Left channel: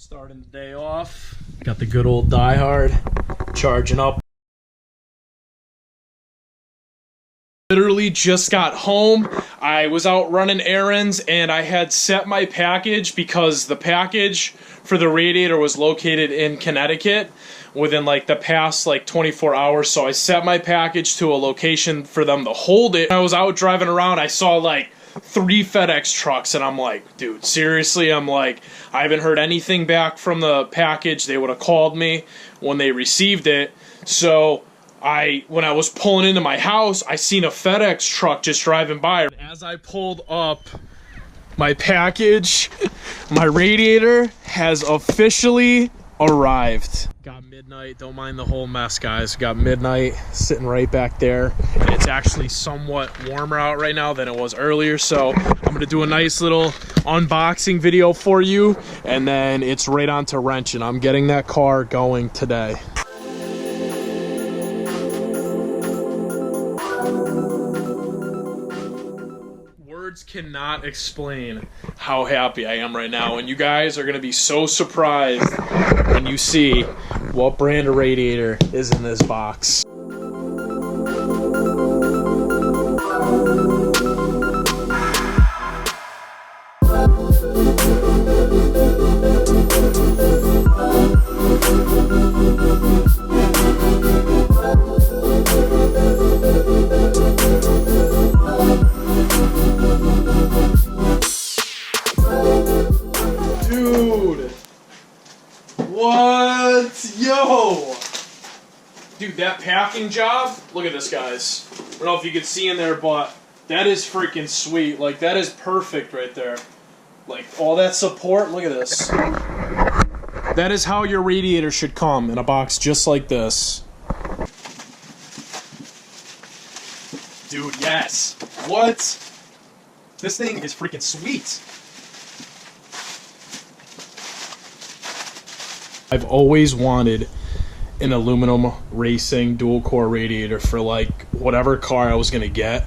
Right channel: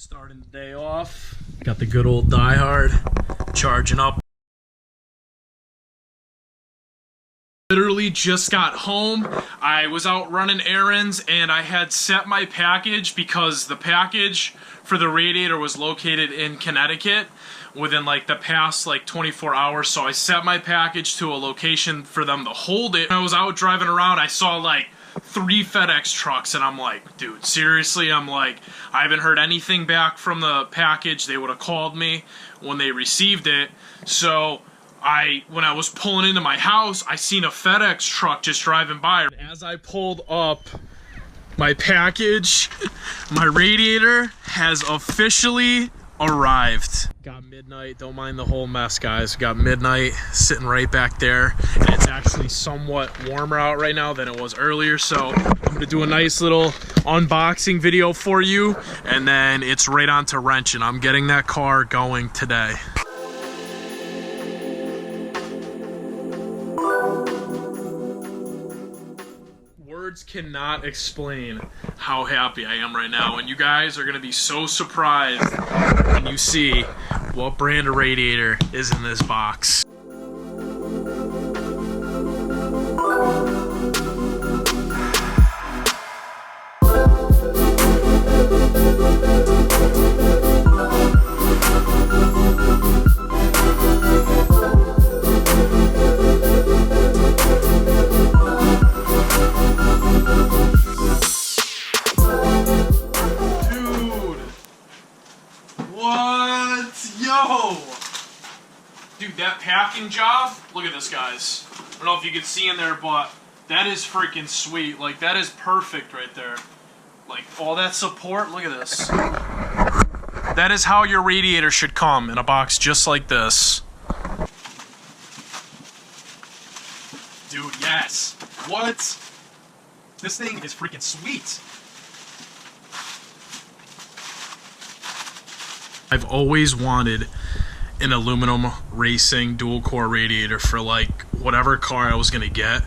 Starting the day off, got the good old Die Hard, charging up. Literally just got home. I was out running errands and I had set my package because the package for the Radiator was located in Connecticut within like the past like 24 hours. So I set my package to a location for them to hold it. I was out driving around, I saw like 3 FedEx trucks and I'm like, dude, seriously? I'm like, I haven't heard anything back from the package. They would have called me when they received it. So when I was pulling into my house, I seen a FedEx truck just driving by. As I pulled up my package, my Radiator has officially arrived. Got midnight, don't mind the whole mess, guys. Got midnight sitting right back there, and it's actually somewhat warmer out right now than it was earlier, so I'm gonna do a nice little unboxing video for you, and then it's right on to wrenching. I'm getting that car going today. Words cannot explain how happy I am right now, and you guys are going to be so surprised when you see what brand of Radiator is in this box. Yo! Dude, that packing job, look at this, guys. I don't know if you can see in there, but that is freaking sweet. Like, that is perfect right there. Like, all that support, look at this. That is how your Radiator should come, in a box just like this. Dude, yes. What? This thing is freaking sweet. I've always wanted an aluminum racing dual core Radiator for like whatever car I was gonna get,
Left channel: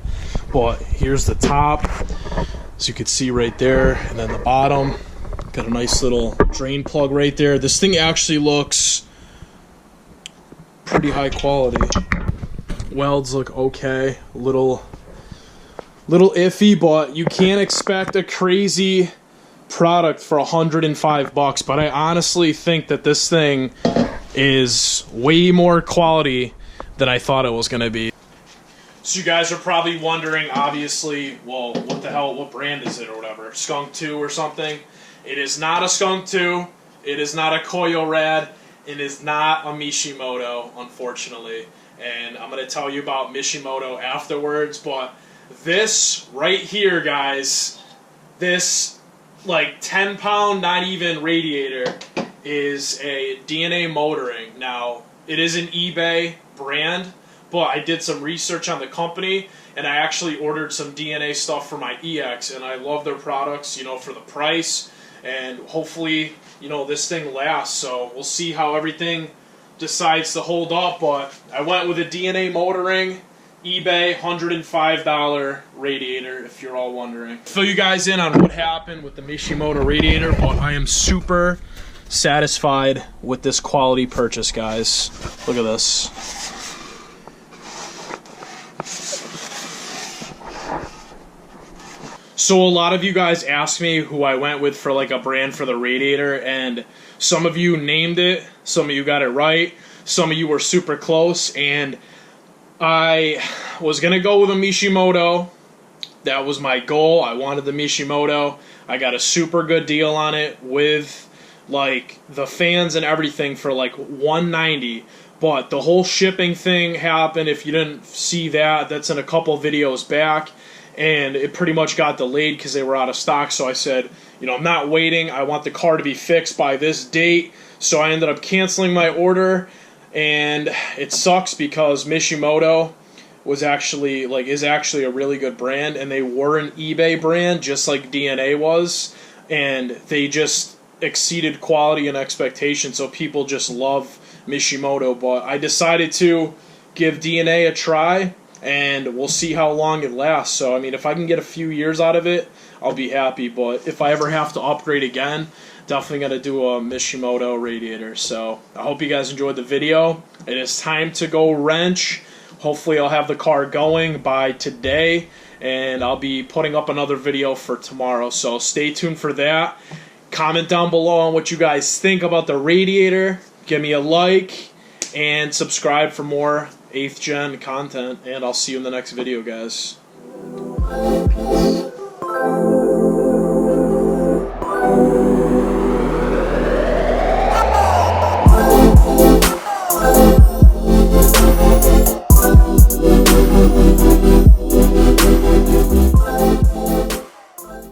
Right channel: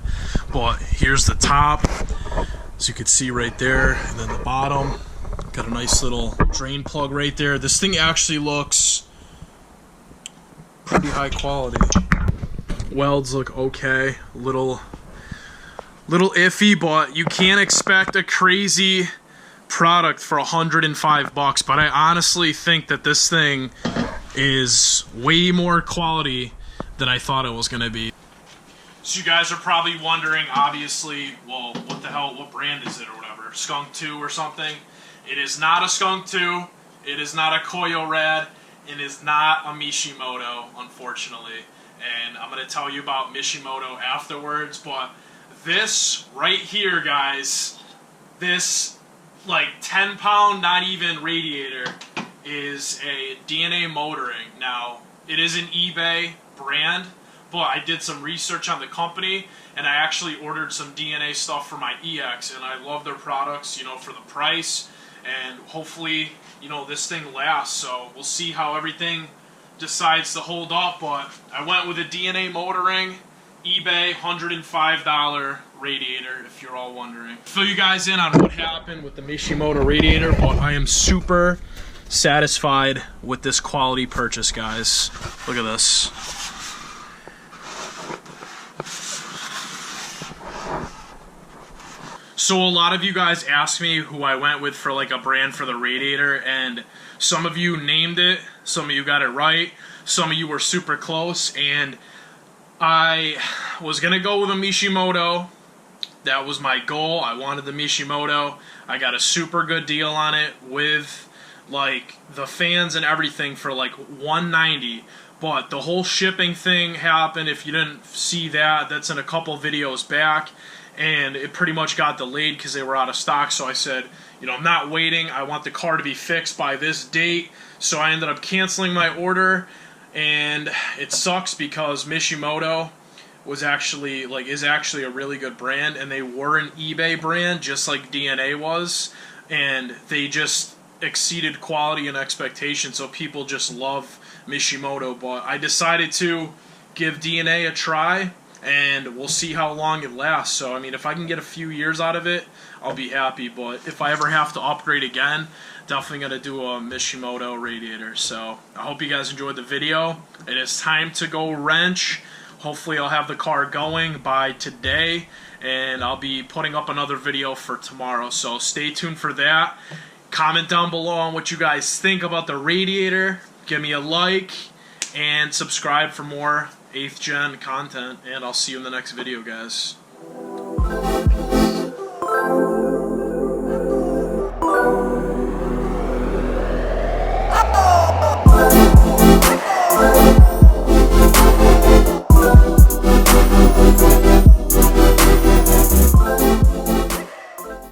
but here's the top, as you can see right there, and then the bottom got a nice little drain plug right there. This thing actually looks pretty high quality. Welds look okay, little iffy, but you can't expect a crazy product for $105, but I honestly think that this thing is way more quality than I thought it was going to be. So you guys are probably wondering, obviously, well, what the hell, what brand is it or whatever? Skunk 2 or something? It is not a Skunk 2. It is not a Koyo Rad. It is not a Mishimoto, unfortunately. And I'm going to tell you about Mishimoto afterwards, but this right here, guys, this like 10-pound, not even Radiator, is a DNA motoring. Now, it is an eBay brand, but I did some research on the company, and I actually ordered some DNA stuff for my EX, and I love their products, you know, for the price, and hopefully, you know, this thing lasts. So we'll see how everything decides to hold up, but I went with a DNA motoring eBay $105 Radiator, if you're all wondering. Fill you guys in on what happened with the Mishimoto Radiator, but I am super satisfied with this quality purchase, guys. Look at this. So a lot of you guys asked me who I went with for like a brand for the Radiator, and some of you named it, some of you got it right, some of you were super close, and I was going to go with a Mishimoto. That was my goal. I wanted the Mishimoto. I got a super good deal on it with like the fans and everything for like $190. But the whole shipping thing happened. If you didn't see that, that's in a couple videos back. And it pretty much got delayed because they were out of stock. So I said, you know, I'm not waiting. I want the car to be fixed by this date. So I ended up canceling my order. And it sucks because Mishimoto is actually a really good brand, and they were an eBay brand just like DNA was, and they just exceeded quality and expectation, so people just love Mishimoto. But I decided to give DNA a try, and we'll see how long it lasts. So, I mean, if I can get a few years out of it, I'll be happy. But if I ever have to upgrade again, definitely going to do a Mishimoto radiator. So, I hope you guys enjoyed the video. It is time to go wrench. Hopefully, I'll have the car going by today, and I'll be putting up another video for tomorrow. So, stay tuned for that. Comment down below on what you guys think about the radiator. Give me a like, and subscribe for more 8th gen content, and I'll see you in the next video, guys.